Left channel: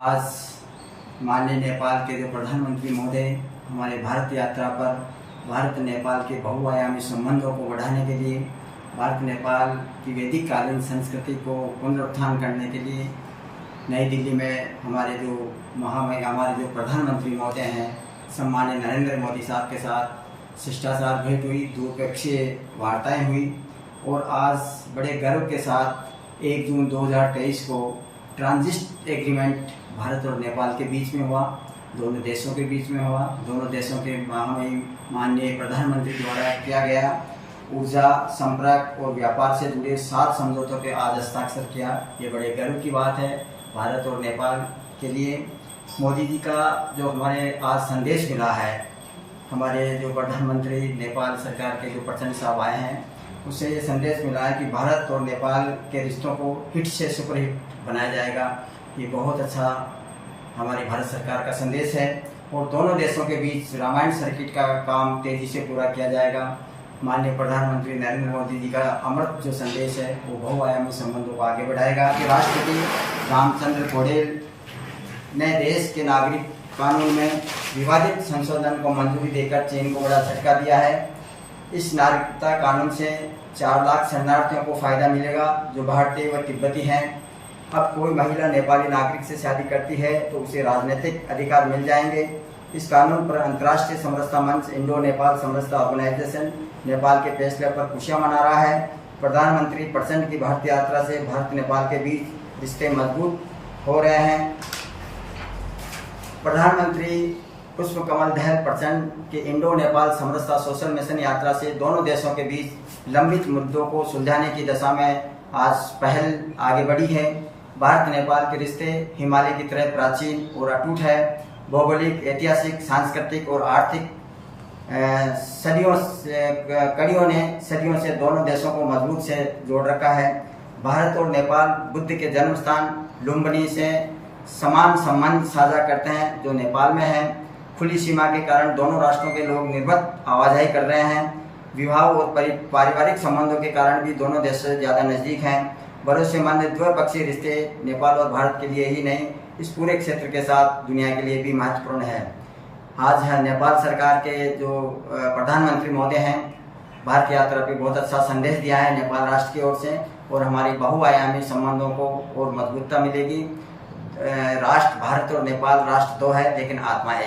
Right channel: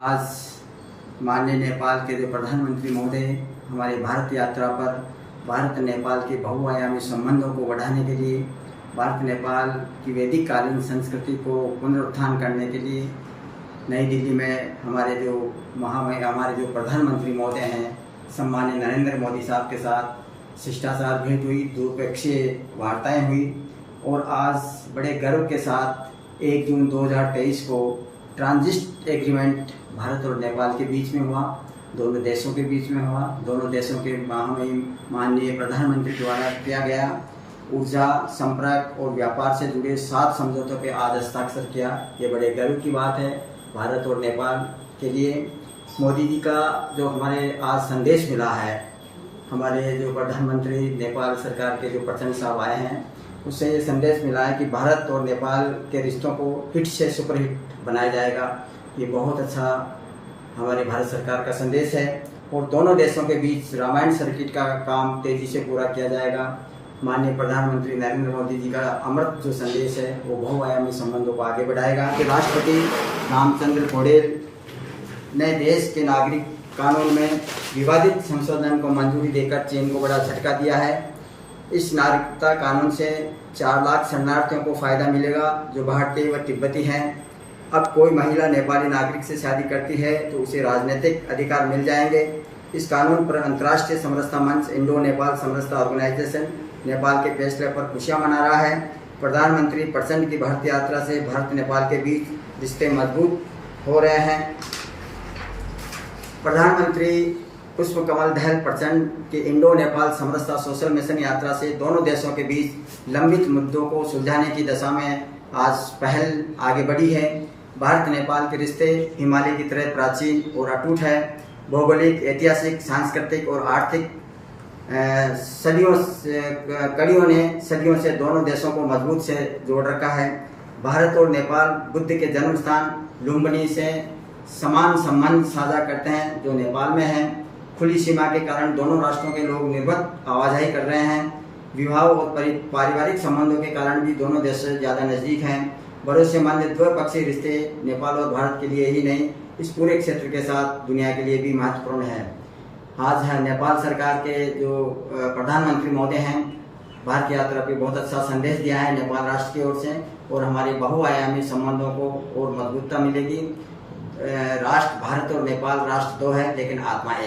आज माननीय नेपाल के जो प्रधानमंत्री महोदय हमारे भारत यात्रा पर भारत नेपाल के बहुआयामी संबंधों को बढ़ाने के लिए, भारत नेपाल की वैदिक कालीन संस्कृति को पुनरुत्थान करने के लिए नई दिल्ली में हमारे जो प्रधानमंत्री महोदय हैं सम्माननीय नरेंद्र मोदी साहब के साथ शिष्टाचार भेंट हुई, द्विपक्षीय वार्ताएं हुई और आज बड़े गर्व के साथ 1 जून 2023 को ट्रांजिट एग्रीमेंट भारत और नेपाल के बीच में हुआ, दोनों देशों के बीच में हुआ। दोनों देशों के माननीय प्रधानमंत्री द्वारा किया गया ऊर्जा, संपर्क और व्यापार से जुड़े 7 समझौतों पे आज हस्ताक्षर किया। ये बड़े गर्व की बात है भारत और नेपाल के लिए। मोदी जी का जो हमारे आज संदेश मिला है, हमारे जो प्रधानमंत्री नेपाल सरकार के जो प्रचंड साहब आए हैं, उससे ये संदेश मिला है कि भारत और नेपाल के रिश्तों को हिट से सुपरहिट बनाया जाएगा। ये बहुत अच्छा हमारे भारत सरकार का संदेश है और दोनों देशों के बीच रामायण सर्किट का काम तेजी से पूरा किया जाएगा। माननीय प्रधानमंत्री नरेंद्र मोदी जी का अमृत जो संदेश है वो बहुआयामी संबंधों को आगे बढ़ाएगा। कि राष्ट्रपति रामचंद्र पौडेल ने देश के नागरिक कानून में विवादित संशोधन को मंजूरी देकर चीन को बड़ा झटका दिया है। इस नागरिकता कानून से 4 लाख शरणार्थियों को फायदा मिलेगा जो भारतीय व तिब्बती हैं। अब कोई महिला नेपाली नागरिक से शादी करती है तो उसे राजनीतिक अधिकार मिल जाएंगे। इस कानून पर अंतर्राष्ट्रीय समरसता मंच इंडो नेपाल समरसता ऑर्गेनाइजेशन नेपाल के फैसले पर खुशियां मना रहा है। प्रधानमंत्री प्रचंड की भारत यात्रा से भारत नेपाल के बीच रिश्ते मजबूत हो रहे हैं। प्रधानमंत्री पुष्पकमल दहल प्रचंड की इंडो नेपाल समरसता सोशल मिशन यात्रा से दोनों देशों के बीच लंबित मुद्दों को सुलझाने की दिशा में आज पहल आगे बढ़ी है। भारत नेपाल के रिश्ते हिमालय की तरह प्राचीन और अटूट है। भौगोलिक, ऐतिहासिक, सांस्कृतिक और आर्थिक कड़ियों ने सदियों से दोनों देशों को मजबूत से जोड़ रखा है। भारत और नेपाल बुद्ध के जन्म स्थान लुम्बिनी से समान संबंध साझा करते हैं जो नेपाल में है। खुली सीमा के कारण दोनों राष्ट्रों के लोग निर्बाध आवाजाही कर रहे हैं। विवाह और पारिवारिक संबंधों के कारण भी दोनों देश से ज़्यादा नज़दीक हैं। भरोसेमंद द्विपक्षीय रिश्ते नेपाल और भारत के लिए ही नहीं, इस पूरे क्षेत्र के साथ दुनिया के लिए भी महत्वपूर्ण है। आज नेपाल सरकार के जो प्रधानमंत्री महोदय हैं, भारत यात्रा पे बहुत अच्छा संदेश दिया है नेपाल राष्ट्र की ओर से और हमारे बहुआयामी संबंधों को और मजबूतता मिलेगी। राष्ट्र भारत और नेपाल राष्ट्र 2 है लेकिन आत्मा एक।